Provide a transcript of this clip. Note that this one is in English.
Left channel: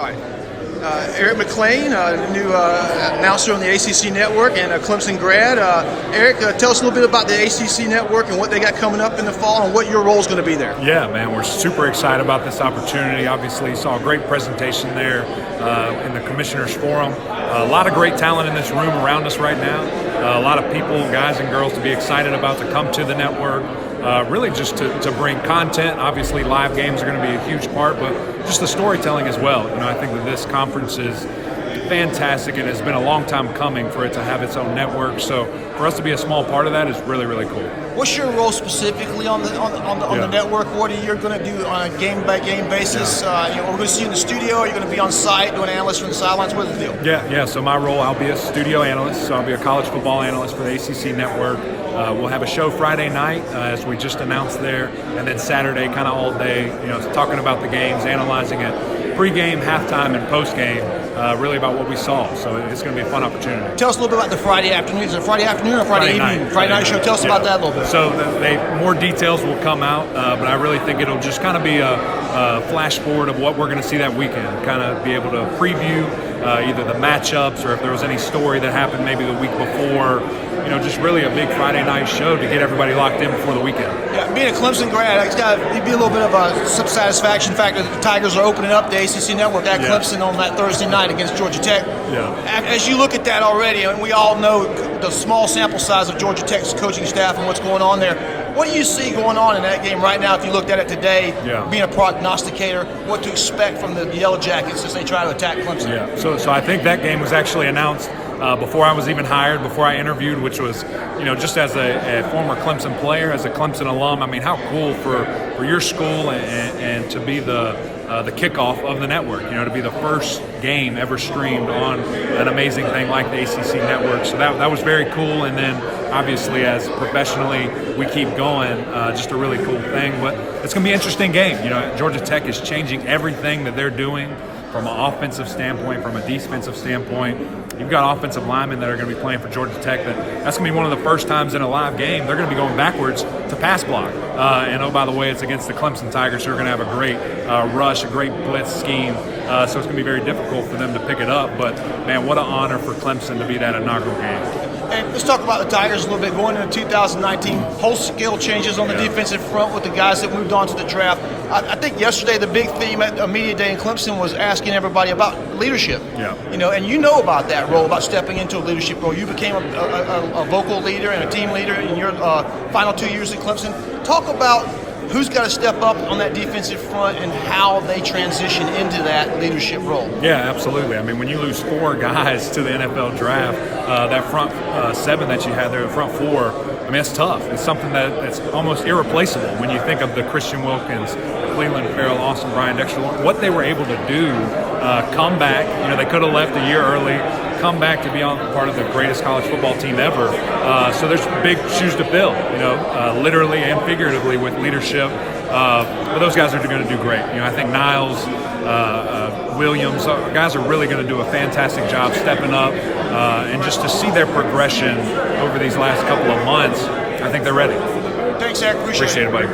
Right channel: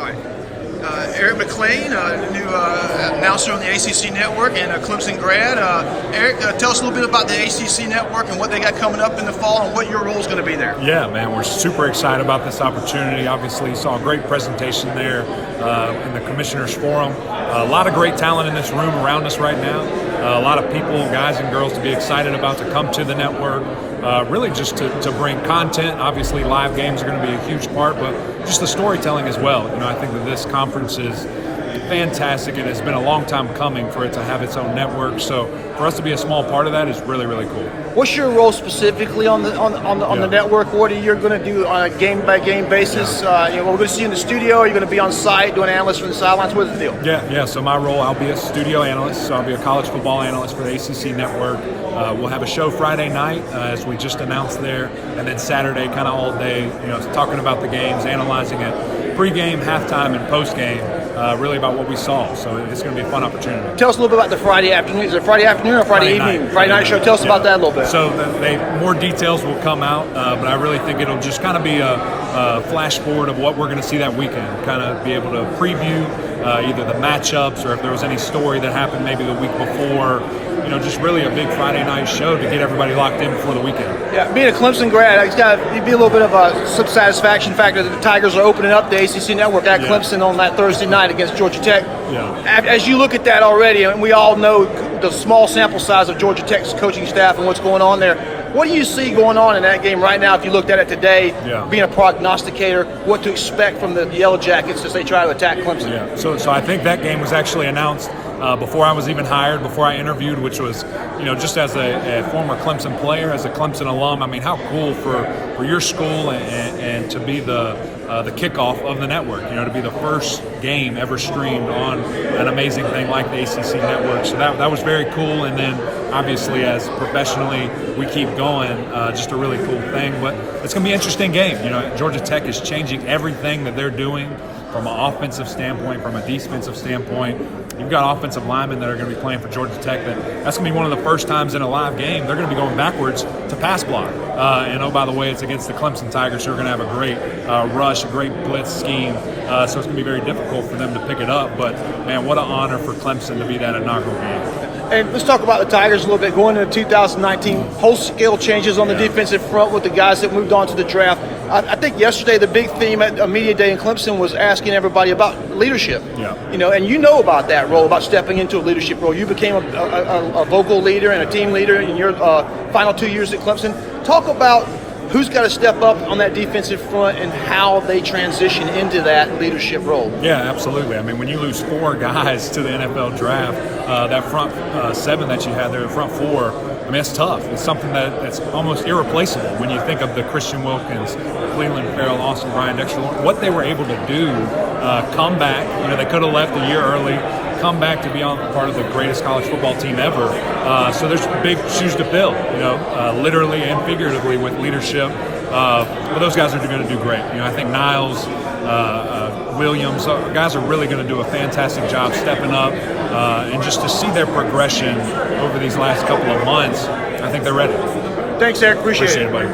Hi. Eric McLean, new announcer on the ACC Network and a Clemson grad. Eric, tell us a little bit about the ACC Network and what they got coming up in the fall and what your role is going to be there. Yeah, man, we're super excited about this opportunity. Obviously, saw a great presentation there in the Commissioners Forum. A lot of great talent in this room around us right now. A lot of people, guys and girls, to be excited about to come to the network. Really just to bring content. Obviously, live games are going to be a huge part, but just the storytelling as well. You know, I think that this conference is fantastic, and it's been a long time coming for it to have its own network. So for us to be a small part of that is really, really cool. What's your role specifically on the network? What are you going to do on a game-by-game basis? You're going to see you in the studio? Are you going to be on site doing analyst from the sidelines? What's the deal? Yeah. So my role, I'll be a studio analyst. So I'll be a college football analyst for the ACC Network. We'll have a show Friday night, as we just announced there, and then Saturday, kind of all day, talking about the games, analyzing it, pre-game, halftime, and post-game, really about what we saw. So it's going to be a fun opportunity. Tell us a little bit about the Friday afternoon. Is it Friday afternoon or Friday evening? Night. Friday night show. Tell us about that a little bit. So more details will come out, but I really think it'll just kind of be a flash forward of what we're going to see that weekend. Kind of be able to preview either the matchups or if there was any story that happened maybe the week before. Just really a big Friday night show to get everybody locked in before the weekend. Yeah, being a Clemson grad, it's got to be a little bit of some satisfaction factor that the Tigers are opening up the ACC Network at Clemson on that Thursday night against Georgia Tech. Yeah. As you look at that already, and we all know the small sample size of Georgia Tech's coaching staff and what's going on there, what do you see going on in that game right now if you looked at it today, being a prognosticator, what to expect from the Yellow Jackets as they try to attack Clemson? Yeah, so I think that game was actually announced before I was even hired, before I interviewed, which was, just as a former Clemson player, as a Clemson alum. I mean, how cool for your school and to be the kickoff of the network, to be the first game ever streamed on an amazing thing like the ACC Network. So that was very cool. And then obviously as professionally we keep going, just a really cool thing. But it's going to be an interesting game. Georgia Tech is changing everything that they're doing from an offensive standpoint, from a defensive standpoint. You've got offensive linemen that are going to be playing for Georgia Tech. That's going to be one of the first times in a live game they're going to be going backwards to pass block. And oh, by the way, it's against the Clemson Tigers, who are going to have a great rush, a great blitz scheme. So it's going to be very difficult for them to pick it up. But, man, what an honor for Clemson to be that inaugural game. Hey, let's talk about the Tigers a little bit. Going into 2019, post-skill changes on the defensive front with the guys that moved on to the draft. I think yesterday the big theme at Media Day in Clemson was asking everybody about leadership. Yeah. And you know about that role, about stepping into a leadership role. You became a vocal leader and a team leader in your final 2 years at Clemson. Talk about who's got to step up on that defensive front and how they transition into that leadership role. Yeah, absolutely. I mean, when you lose 4 guys to the NFL draft, that front 7 that you had there, the front 4, I mean, it's tough. It's something that's almost irreplaceable when you think of the Christian Wilkins, Cleveland Farrell, Austin Bryant, Dexter Lawrence, what they were able to do, come back. They could have left a year early, come back to be on part of the greatest college football team ever. So there's big shoes to fill, literally and figuratively with leadership. But those guys are going to do great. I think Niles, Williams, guys are really going to do a fantastic job stepping up. And just to see their progression over these last couple of months, I think they're ready. Thanks, Eric. Appreciate it, buddy.